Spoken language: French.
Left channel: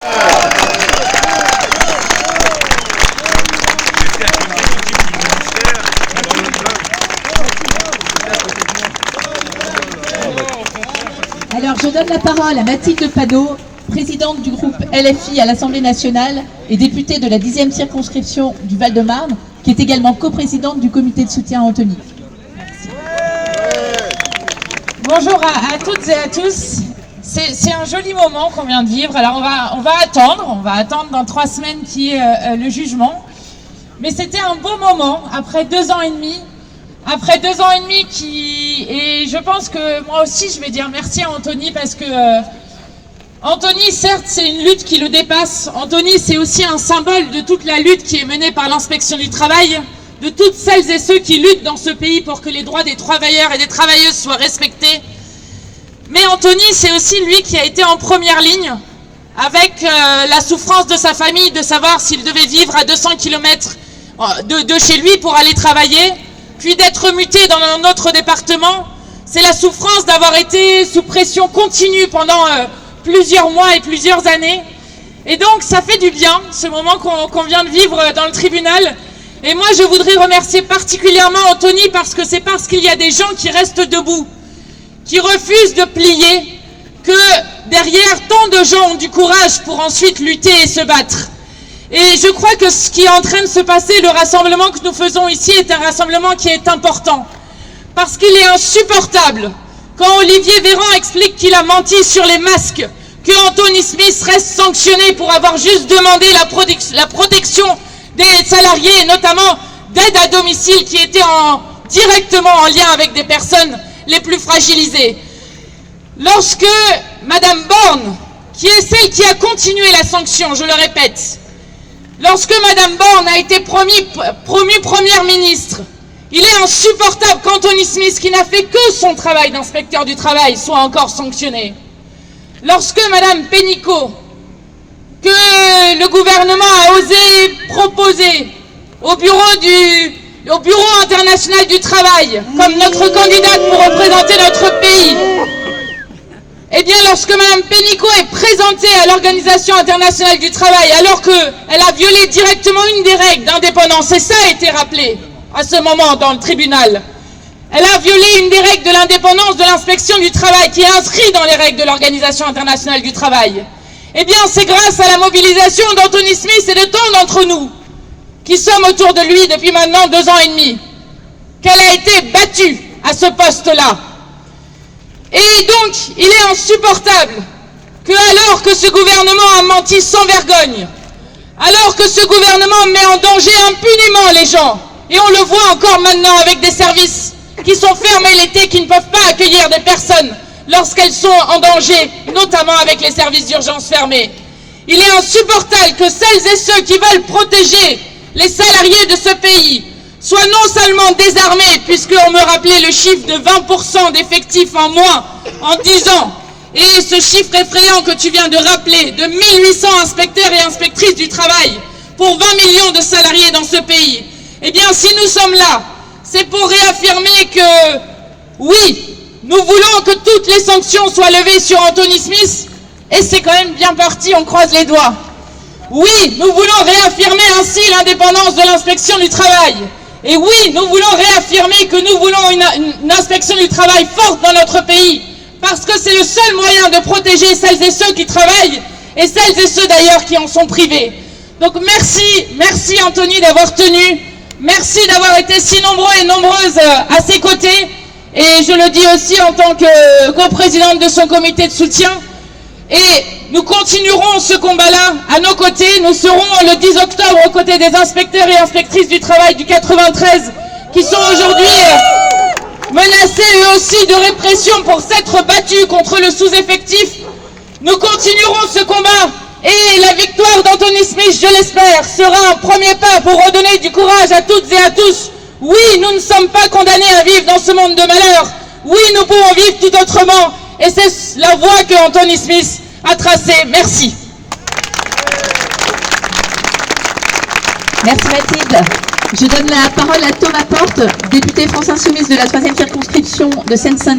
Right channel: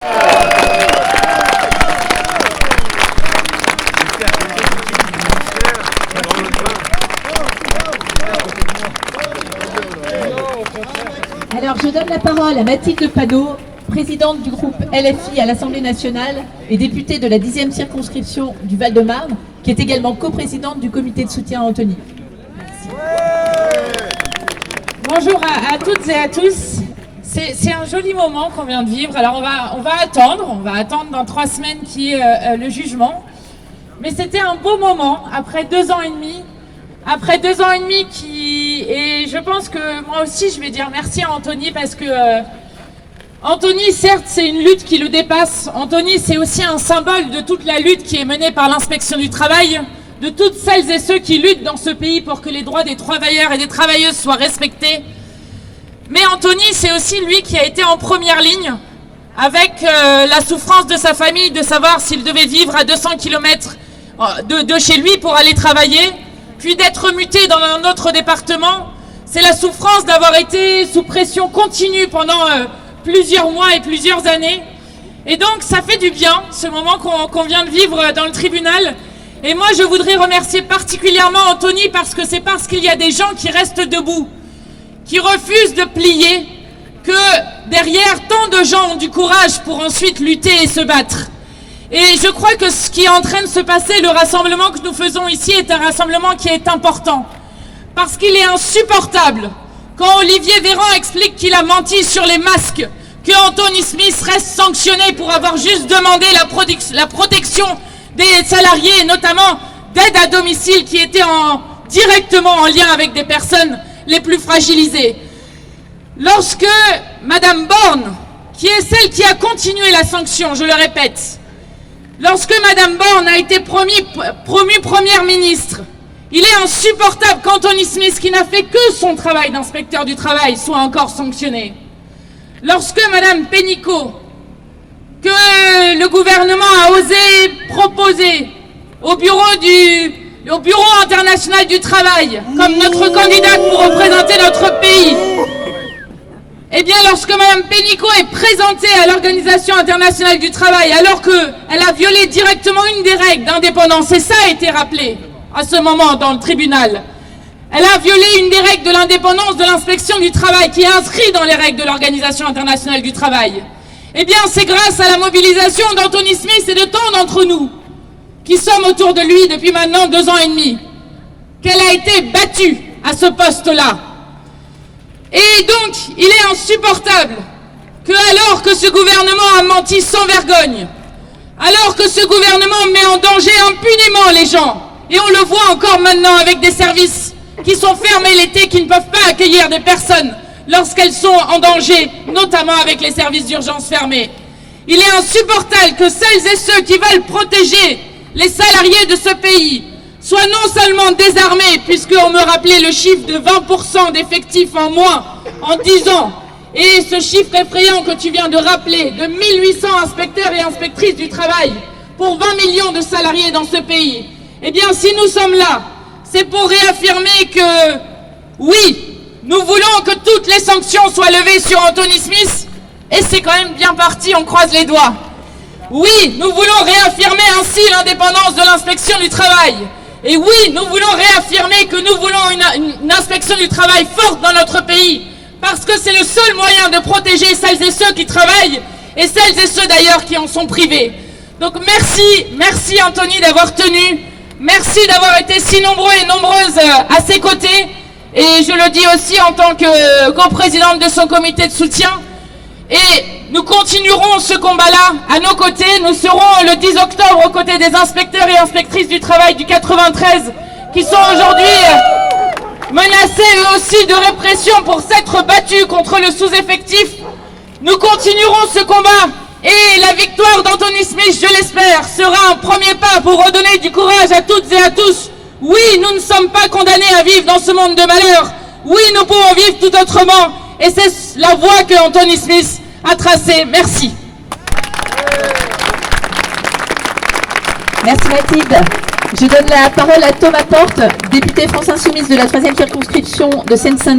Alors, je donne la parole à Mathilde Panot, présidente du groupe LFI à l'Assemblée nationale et députée de la 10e circonscription du Val-de-Marne, qui est également coprésidente du comité de soutien à Antony. Merci. Bonjour à toutes et à tous. C'est un joli moment qu'on vient de vivre. Alors on va attendre dans 3 semaines qui est le jugement. Mais c'était un beau moment après 2 ans et demi. Après 2 ans et demi et je pense que moi aussi je vais dire merci à Antony parce que Antony, certes, c'est une lutte qui le dépasse. Antony, c'est aussi un symbole de toute la lutte qui est menée par l'inspection du travail, de toutes celles et ceux qui luttent dans ce pays pour que les droits des travailleurs et des travailleuses soient respectés. Mais Antony, c'est aussi lui qui a été en première ligne avec la souffrance de sa famille, de savoir s'il devait vivre à 200 km de chez lui pour aller travailler, puis d'être muté dans un autre département. C'est la souffrance d'avoir été sous pression continue pendant plusieurs mois et plusieurs années. Et donc ça fait du bien, ce moment qu'on vient de vivre dans le tribunal. Et moi je voudrais remercier particulièrement Antony parce que c'est parce qu'il y a des gens qui restent debout, qui refusent de plier, que derrière tant de gens ont du courage pour ensuite lutter et se battre. Et je crois que ce qui est en train de se passer, le rassemblement que nous faisons ici est un rassemblement qui est important. Parce qu'il est insupportable quand Olivier Véran explique qu'il a menti sur les masques, que Antony Smith reste sanctionné pour avoir juste demandé la protection des salariés, et notamment d'aide à domicile qui était directement en lien avec des personnes les plus fragilisées. Lorsque Madame Borne, qui est celle qui a continué la sanction, je le répète, lorsque Madame Borne a été promue première ministre, il est insupportable qu'Antony Smith, qui n'a fait que son travail d'inspecteur du travail, soit encore sanctionné. Lorsque Madame Pénicaud, que le gouvernement a osé proposer au Bureau international du travail comme notre candidate pour représenter notre pays, eh bien lorsque Madame Pénicaud est présentée à l'Organisation internationale du travail alors qu'elle a violé directement une des règles d'indépendance, et ça a été rappelé à ce moment dans le tribunal, elle a violé une des règles de l'indépendance de l'inspection du travail qui est inscrite dans les règles de l'Organisation internationale du travail. Eh bien c'est grâce à la mobilisation d'Antony Smith et de tant d'entre nous qui sommes autour de lui depuis maintenant 2 ans et demi qu'elle a été battue à ce poste-là. Et donc il est insupportable que, alors que ce gouvernement a menti sans vergogne, alors que ce gouvernement met en danger impunément les gens, et on le voit encore maintenant avec des services qui sont fermés l'été, qui ne peuvent pas accueillir des personnes lorsqu'elles sont en danger, notamment avec les services d'urgence fermés. Il est insupportable que celles et ceux qui veulent protéger les salariés de ce pays soient non seulement désarmés, puisqu'on me rappelait le chiffre de 20% d'effectifs en moins en 10 ans, et ce chiffre effrayant que tu viens de rappeler, de 1800 inspecteurs et inspectrices du travail pour 20 millions de salariés dans ce pays. Eh bien, si nous sommes là, c'est pour réaffirmer que, oui, nous voulons que toutes les sanctions soient levées sur Antony Smith, et c'est quand même bien parti, on croise les doigts. Oui, nous voulons réaffirmer ainsi l'indépendance de l'inspection du travail. Et oui, nous voulons réaffirmer que nous voulons une inspection du travail forte dans notre pays, parce que c'est le seul moyen de protéger celles et ceux qui travaillent, et celles et ceux d'ailleurs qui en sont privés. Donc merci Antony d'avoir tenu. Merci d'avoir été si nombreux et nombreuses à ses côtés, et je le dis aussi en tant que coprésidente de son comité de soutien. Et nous continuerons ce combat-là à nos côtés. Nous serons le 10 octobre aux côtés des inspecteurs et inspectrices du travail du 93 qui sont aujourd'hui menacés eux aussi de répression pour s'être battus contre le sous-effectif. Nous continuerons ce combat. Et la victoire d'Antony Smith, je l'espère, sera un premier pas pour redonner du courage à toutes et à tous. Oui, nous ne sommes pas condamnés à vivre dans ce monde de malheur. Oui, nous pouvons vivre tout autrement. Et c'est la voie que Antony Smith a tracée. Merci. Merci Mathilde. Je donne la parole à Thomas Porte, député France Insoumise de la 3e circonscription de Seine-Saint-Denis.